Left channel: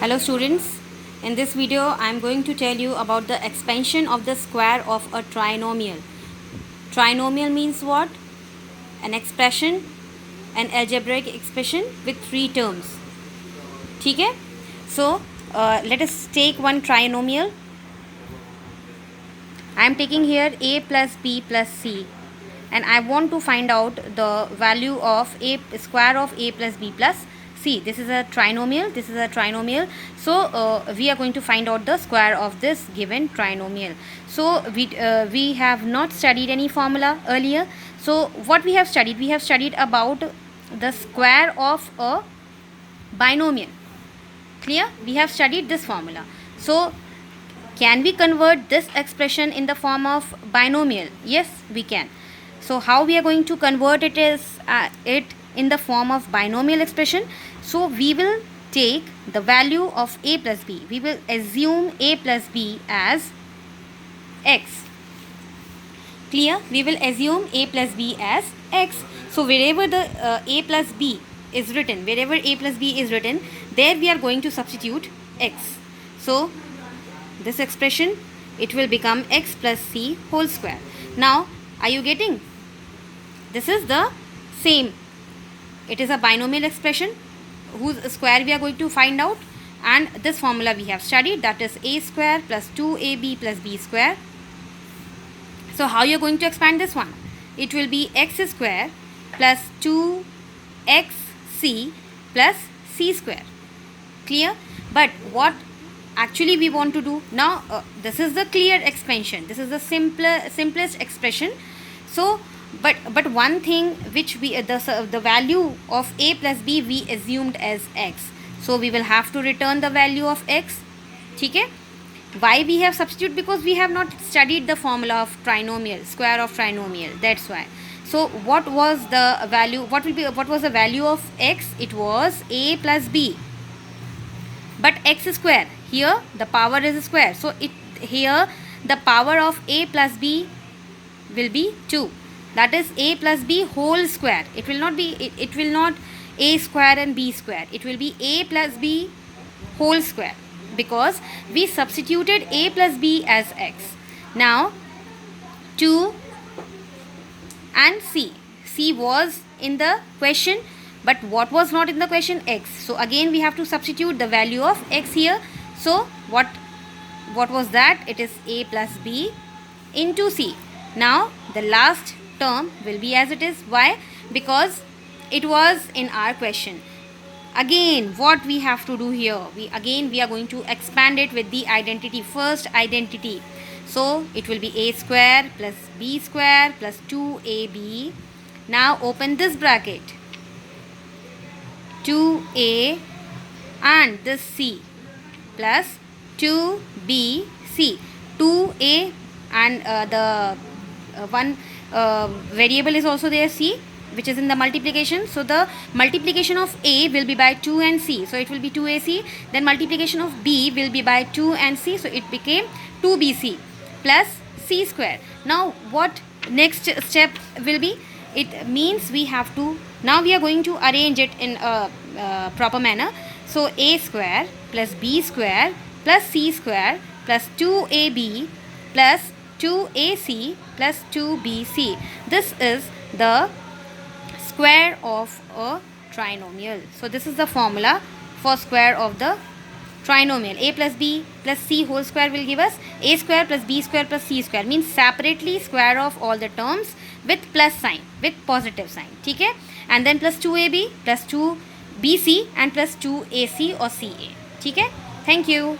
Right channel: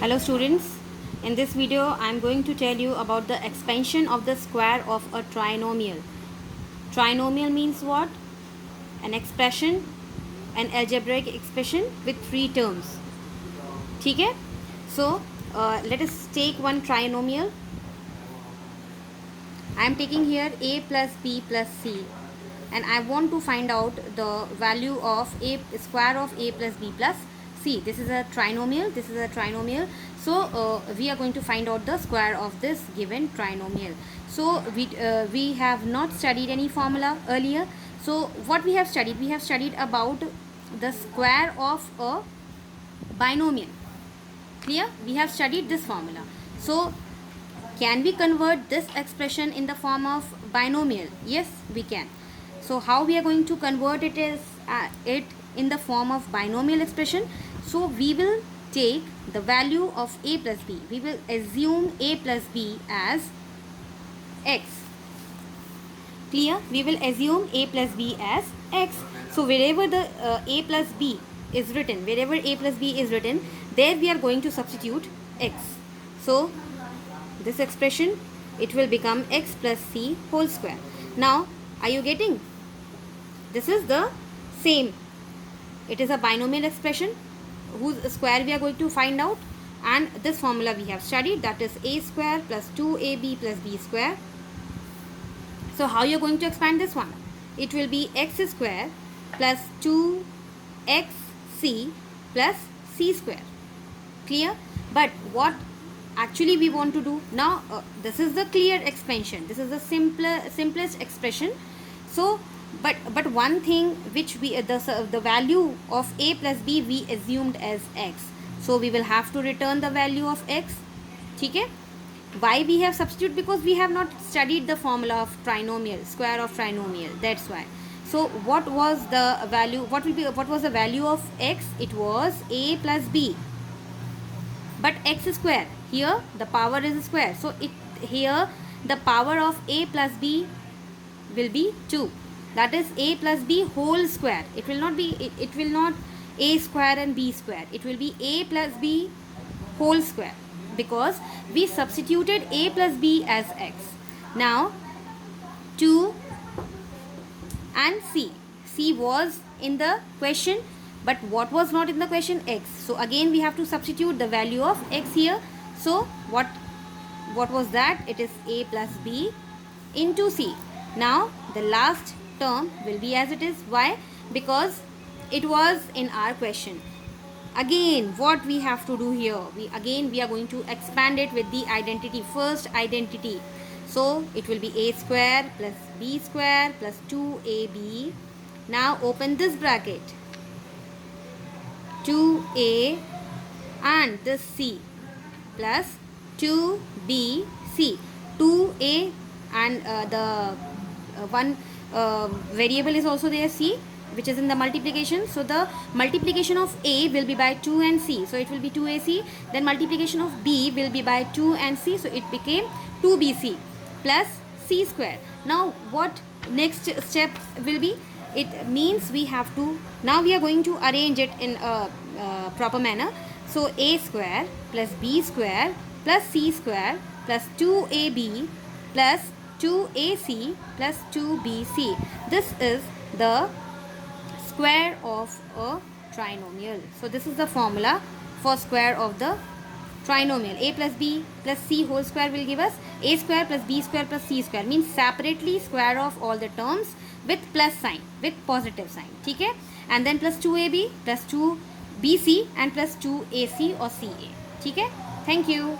Hello students, in this video I am going to tell you about the expansion of the square of a trinomial. Trinomial means what? An expression, an algebraic expression with three terms. ठीक है? So let us take one trinomial. I am taking here a plus b plus c and I want to find out the value of a square of a plus b plus c. This is a trinomial. So we are going to find out the square of this given trinomial. So we have not studied any formula earlier. So what we have studied? We have studied about the square of a binomial. Clear? We have studied this formula. So can we convert this expression in the form of binomial? Yes, we can. So how we are going to convert it is it in the form of binomial expression. So we will take the value of a plus b. We will assume a plus b as x. Clear? We will assume a plus b as x. So wherever the a plus b is written, there we are going to substitute x. So this expression, it will become x plus c whole square. Now are you getting? This is the same. It is a binomial expression whose square we are going to find out, and this formula we have studied, that is a square plus 2ab plus b square. So how you are going to expand this one? It will be x square plus 2xc plus c square. Clear? But what actually we want to do now, this is the clear expansion, this is the simplest expression. So but one thing which we the value of a plus b we assumed as x, so we will have to return the value of x. Okay? Why we have substitute? Because we have not studied the formula of trinomial, square of trinomial, that's why. So what was the value, what was the value of x? It was a plus b, but x square, here the power is square, so here the power of a plus b will be 2, that is a plus b whole square. It will not be it will not a square and b square, it will be a plus b whole square, because we substituted a plus b as x. Now 2 and c was in the question, but what was not in the question? X. So again we have to substitute the value of x here. So what was that? It is a plus b into c. Now the last term will be as it is. Why? Because it was in our question. Again what we have to do here, we are going to expand it with the identity, first identity. So it will be a square plus b square plus 2ab. Now open this bracket, 2a and this c plus 2bc. 2a and the one variable is also there, c, which is in the multiplication. So the multiplication of a will be by 2 and c, so it will be 2ac. Then multiplication of b will be by 2 and c, so it became 2bc plus c square. Now what next step will be? It means we have to, now we are going to arrange it in a proper manner. So a square plus b square plus c square plus 2ab plus 2ac plus 2bc. This is the square of a trinomial. So this is the formula for square of the trinomial. A plus b plus c whole square will give us a square plus b square plus c square, means separately square of all the terms with plus sign, with positive sign. Okay? And then plus 2ab plus 2bc and plus 2ac or ca. Okay? Thank you.